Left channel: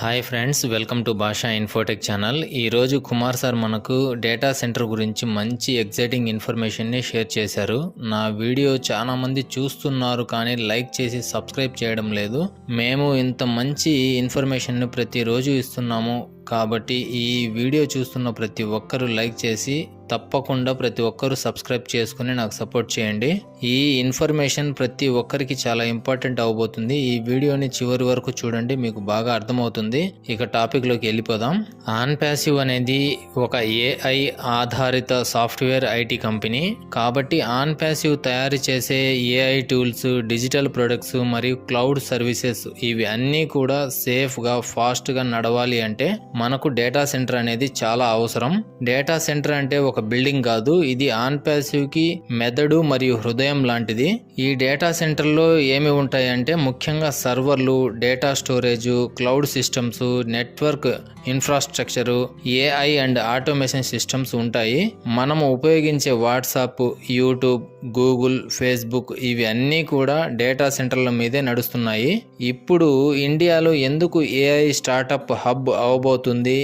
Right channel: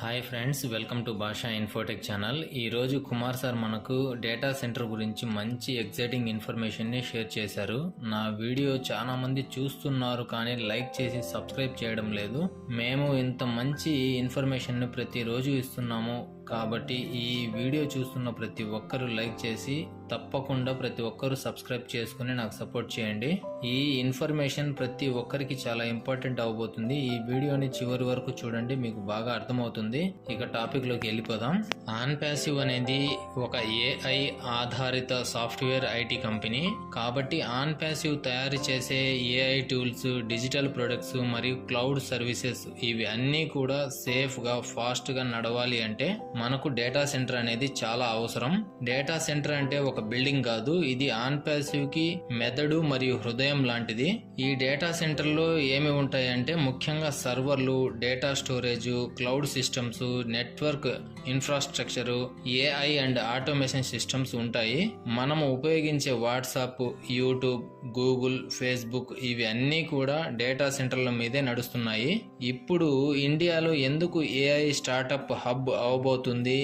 Hi friends, welcome to భాషా Infotech channel. ఈరోజు Kumar sir మనకు డేటా సెంటర్ గురించి మంచి ఎగ్జైటింగ్ ఇన్ఫర్మేషన్ని షేర్ చేశారు. నా వీడియో చాలా మంది చూస్తున్నారు కానీ లైక్ చేసి సబ్స్క్రైబ్ చేయడం లేదు. మేము ఇంత మంచి ఇన్ఫర్మేషన్ని ప్రతిరోజు ఇస్తున్నాము కాబట్టి ఈ వీడియో చూస్తున్న ప్రతి ఒక్కరూ లైక్ చేసి తప్పకుండా ప్రతి ఒక్కరూ సబ్స్క్రైబ్ చేసుకుని నాకు సపోర్ట్ చేయండి. ఈ ఇన్ఫర్మేషన్ ప్రతి ఒక్కరికి చాలా ఇంపార్టెంట్ అవబోతుంది. ఈ వీడియోని చివరి వరకు చూడండి, మీకు బాగా అర్థమవుతుంది. ఇక టాపిక్లోకి వెళ్ళిపోదాం. ఆన్పాసివ్ అనేది ఒక ఏఐ ఆధారిత సాఫ్ట్వేర్ ఐటీ కంపెనీ. కాబట్టి ఆన్పాసివ్ తయారు చేసే ఏఐ టూల్స్, డిజిటల్ ప్రొడక్ట్స్ మరియు క్లౌడ్ సర్వీసెస్ ఇవి అన్నీ కూడా సేఫ్గా, ఫాస్ట్గా నడవాలి అంటే మనకు డేటా సెంటర్ అనేది చాలా అవసరం. డేటా సెంటర్ అంటే ఒక బిల్డింగ్ కాదు, ఇది ఆన్పాసివ్ కి మెదడు మరియు హృదయం లాంటిది. ఈ డేటా సెంటర్ లో ఏమి ఉంటాయంటే ముఖ్యంగా సర్వర్లు, data storage, cloud systems, network infrastructure, AI and automation systems ఉంటాయి. మనము ఉపయోగించే వాట్సాప్, యూట్యూబ్, గూగుల్, ఫేస్బుక్ ఇవి అన్నీ కూడా డేటా సెంటర్ల మీదే నడుస్తున్నాయి. ఇప్పుడు ఇండియాలో ఎందుకు ఏఐ స్టార్టప్ హబ్ అవబోతుంది,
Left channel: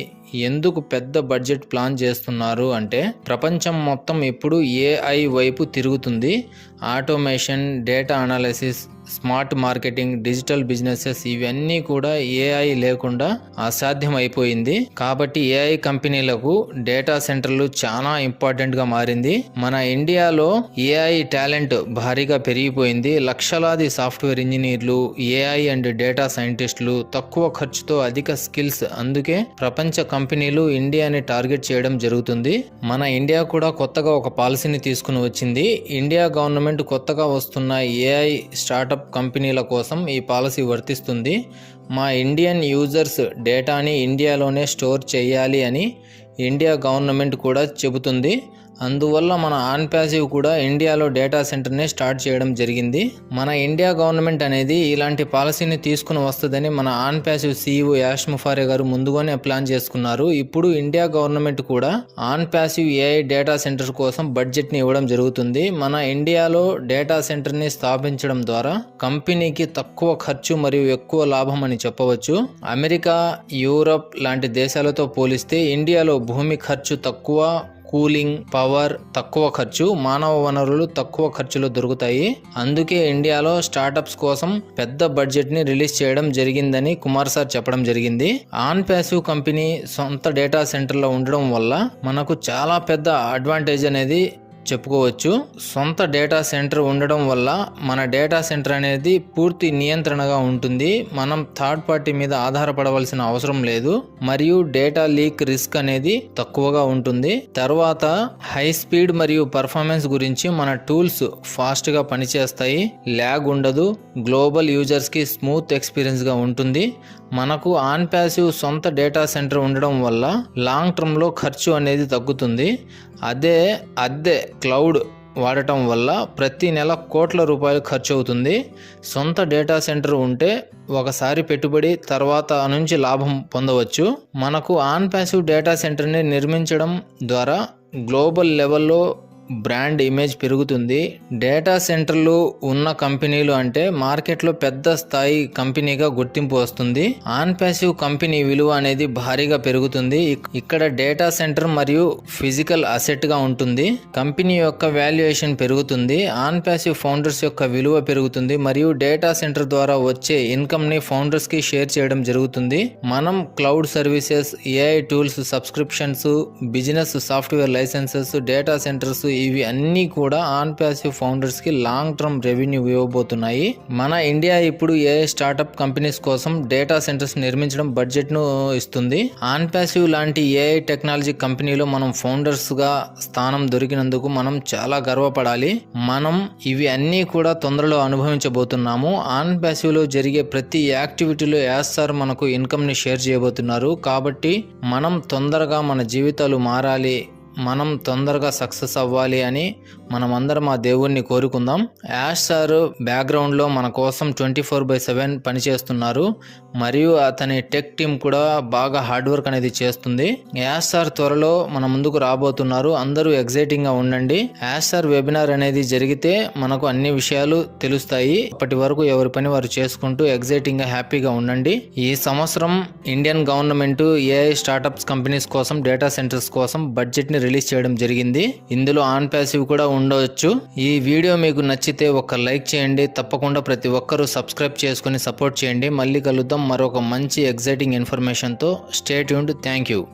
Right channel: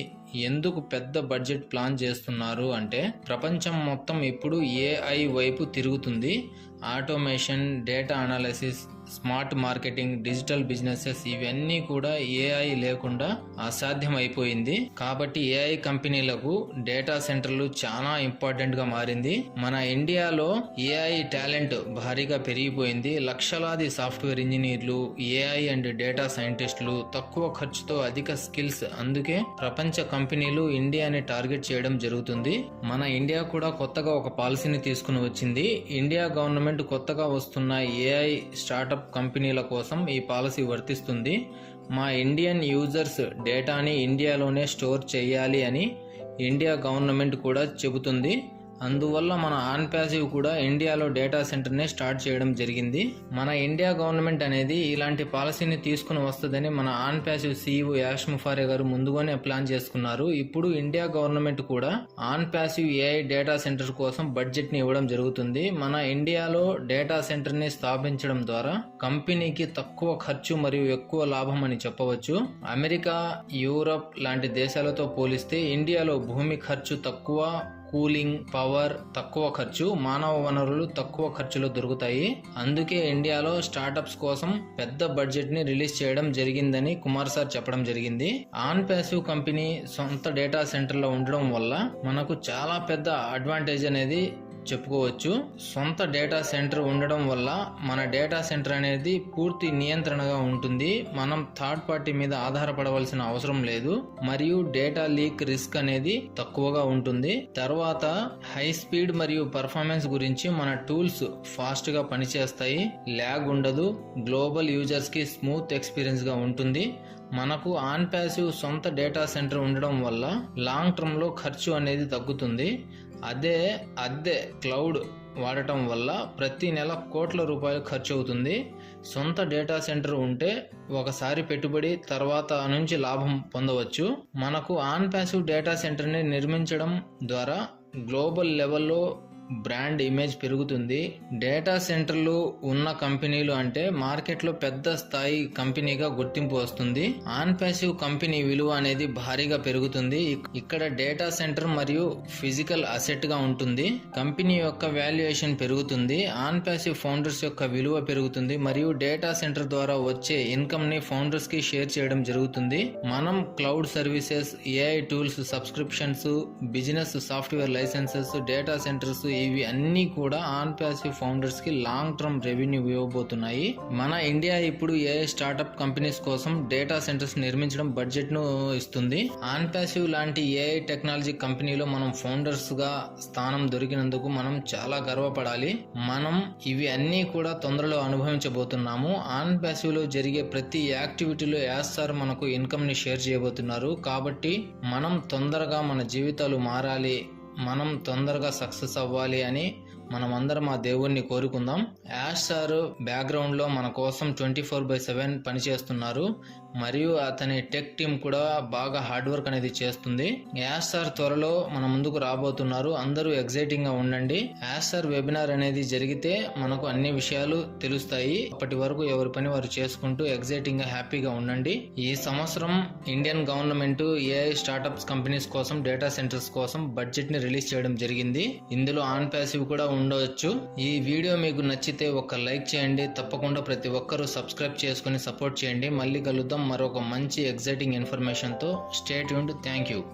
ఎందుకు పెద్ద బడ్జెట్ ప్లాన్ చేస్తున్నారు అంటే ప్రపంచం మొత్తం ఇప్పుడు ఏఐ వైపు తిరుగుతుంది. Automation, data analysis, smart marketing, digital businesses ఇవన్నీ కూడా ఏఐ లేకుండా అసాధ్యం అయిపోయింది. కాబట్టి ఏఐ కంపెనీలకు డేటా సెంటర్లు చాలా ఇంపార్టెంట్ గా మారింది. మన ఇండియాలో ఏఐ టాలెంట్ భారీగా పెరిగిపోయింది. లక్షలాది సాఫ్ట్వేర్ ఇంజనీర్లు, ఏఐ అండ్ డేటా సైంటిస్టులు, తక్కువ ఖర్చుతో అధిక స్కిల్స్. అందుకే ప్రపంచ కంపెనీలు ఇండియాని టార్గెట్ చేయడం జరుగుతుంది. మన ఇండియా కూడా కొత్తగా ఒక పాలసీని తీసుకుని వచ్చింది. ఇండియా గవర్నమెంట్ కొత్తగా వస్తున్న ఏఐ స్టార్టప్ కంపెనీల కోసం ఈ పాలసీ వర్తిస్తుంది. మా ఇండియన్ యూజర్స్ డేటాని ఇండియాలోనే స్టోర్ చేయాలి అని ఇండియా గవర్నమెంట్ కూడా చెబుతుంది. అందువల్ల మన ఆన్పాసివ్ కూడా ఇండియాలో డేటా సెంటర్ని స్టార్ట్ చేయడం జరిగింది. మన ఇండియా గవర్నమెంట్ అనేది ఇలాంటి పాలసీని తీసుకుని వస్తుందని మన ఆన్పాసివ్ CEO యాష్ ముఫారే గారు ముందుగానే ప్లాన్ చేసుకున్నారు. ఇప్పుడు ఇండియా గవర్నమెంట్ కూడా ఆన్పాసివ్ ఏఐ డేటా సెంటర్ కోసం బడ్జెట్ని ఇవ్వడం జరుగుతుంది. మన ఇండియాలో డేటా సెంటర్ని స్థాపించడం ద్వారా కంపెనీకి తక్కువ ఖర్చు మరియు ఎక్కువ లాభం అని చెప్పవచ్చు. అమెరికా, యూరప్ లాంటి దేశాలతో పోలిస్తే ఇండియాలో భూమి ఖర్చు తక్కువ, కూలింగ్, పవర్ తక్కువ ఖర్చు, మానవ వనరులు తక్కువ ఖర్చులో దొరుకుతాయి. అందుకే ఇండియాలో స్టార్టప్స్ కోసం పెద్ద బడ్జెట్ ని రిలీజ్ చేయడం జరిగిందని కుమార్ సార్ చెప్పడం జరిగింది. ఆన్పాసివ్ కంపెనీ సొంత డేటా సెంటర్లో ఉండడం వల్ల మనకు చాలా పెద్ద అడ్వాంటేజ్ అనేది చెప్పుకోవచ్చు. సొంత డేటా సెంటర్ ఉండడం వల్ల మన డేటా సెంటర్ అనేది పూర్తి నియంత్రణగా ఉంటుంది. మనం థర్డ్ పార్టీ మీద ఆధారపడవలసిన అవసరం లేదు మరియు డేటా లీక్ రిస్క్ అనేది తక్కువగా ఉంటుంది. తర్వాత హై స్పీడ్ మరియు పర్ఫార్మెన్స్ గురించి మన టూల్స్ ఫాస్ట్ గా పనిచేస్తాయి, ల్యాగ్ ఉండదు, గ్లోబల్ యూజర్స్ కి స్మూత్ ఎక్స్పీరియన్స్ గా ఉంటుంది. మనకు ఆన్పాసివ్ సొంత డేటా సెంటర్ ఉండడం వల్ల లాంగ్ టర్మ్ లో ఖర్చు అనేది తగ్గుతుంది. అదే క్లౌడ్ వాడటం వల్ల ప్రతి నెల కోట్ల రూపాయలు ఖర్చు అవుతుంది. సొంత డేటా సెంటర్ ఉంటే ఒకసారి పెట్టుబడి, తర్వాత నుంచి లాభం పొందవచ్చు. మనకు ఆన్పాసివ్ డేటా సెంటర్ని నిర్మించడం ద్వారా గ్లోబల్ లెవెల్లో బ్రాండ్ ఇమేజ్ పెరుగుతుంది. డేటా సెంటర్లు ఉన్న కంపెనీలు అంటే మార్కెట్లో పెద్ద స్థాయి కంపెనీగా గుర్తింపు వస్తుంది. ఆన్పాసివ్ కంపెనీ విలువ అనేది భారీగా పెరుగుతుంది. ఇక్కడ డేటా సెంటర్ మరియు ఫిజికల్ అసెట్ గా ఉంటుంది. కంపెనీ యొక్క వాల్యుయేషన్ పెరుగుతుంది. ఆన్పాసివ్ ఫౌండర్స్ యొక్క విలువ పెరుగుతుంది మరియు డేటా సెంటర్ ద్వారా వచ్చే ఇన్కమ్ ని ఫౌండర్స్ కి షేర్ చేయడం జరుగుతుంది. మనం cloud services, AI tools, subscriptions, business software licences, data centres ఇవి అన్నీ కూడా ఆన్పాసివ్ ఫౌండర్స్ కి లాంగ్ టర్మ్ రెవెన్యూ ఇవ్వబోతున్నాయి. మన ఇండియా ఇప్పుడు ఏఐ స్టార్టప్ కంపెనీస్ కోసం డేటా సెంటర్స్ నిర్మించడం బడ్జెట్ ను ఇస్తుంది. ఆన్పాసివ్ లాంటి ఏఐ టెక్నాలజీ కంపెనీలో మనం ఫౌండర్స్ గా స్థానం దొరికినందుకు మనం చాలా గర్వపడాలి. మనం ఇవి అన్నీ కూడా తొందరలో అనుభవించబోతున్నాము. ఆన్పాసివ్ లో జరిగే ప్రతి యాక్టివిటీలో యాస్ సార్ మనకు ఇన్కమ్ ని షేర్ చేయబోతున్నారు. కాబట్టి మనం తొందరగా మన జీవితాలు మారాలి, మనం తొందరగా సక్సెస్ అవ్వాలి అని మనమందరం ఆ దేవుణ్ణి కోరుకుందాం. యాష్ సార్ బ్యాక్గ్రౌండ్లో మన కోసం 24/7 పనిచేస్తున్నారు మరియు అతని టెక్ టీమ్ కూడా బాగా హార్డ్ వర్క్ అనేది చేస్తుంది. యాష్ సార్ త్వరలో మన ముందుకు రాబోతున్నారు. అందరూ ఎగ్జైటింగ్ గా ఉండండి. యాష్ సార్ వెబినార్ అనేది జరిగితే మనకు అన్ని విషయాలు తెలుస్తాయి. అప్పటి వరకు ఎవరి పని వారు చేసుకుంటూ ఎగ్జైటింగ్ గా హ్యాపీగా ఉండండి. ఈ సంవత్సరం Indian government AI startups companies కోసం డేటా సెంటర్స్ కోసం బడ్జెట్ ని రిలీజ్ చేయడం జరిగింది. ఇందులో ఆన్ ప్యాసివ్ కూడా ఉండవచ్చు. ఈ వీడియో మీకు నచ్చితే ఒక లైక్ చేయండి. తప్పకుండా ప్రతి ఒక్కరూ సబ్స్క్రైబ్ చేసుకుని సపోర్ట్ చేయండి. మళ్ళీ కలుద్దాం మరొక మంచి ఎగ్జైటింగ్ ఇన్ఫర్మేషన్ తో. Stay tuned. Thank you.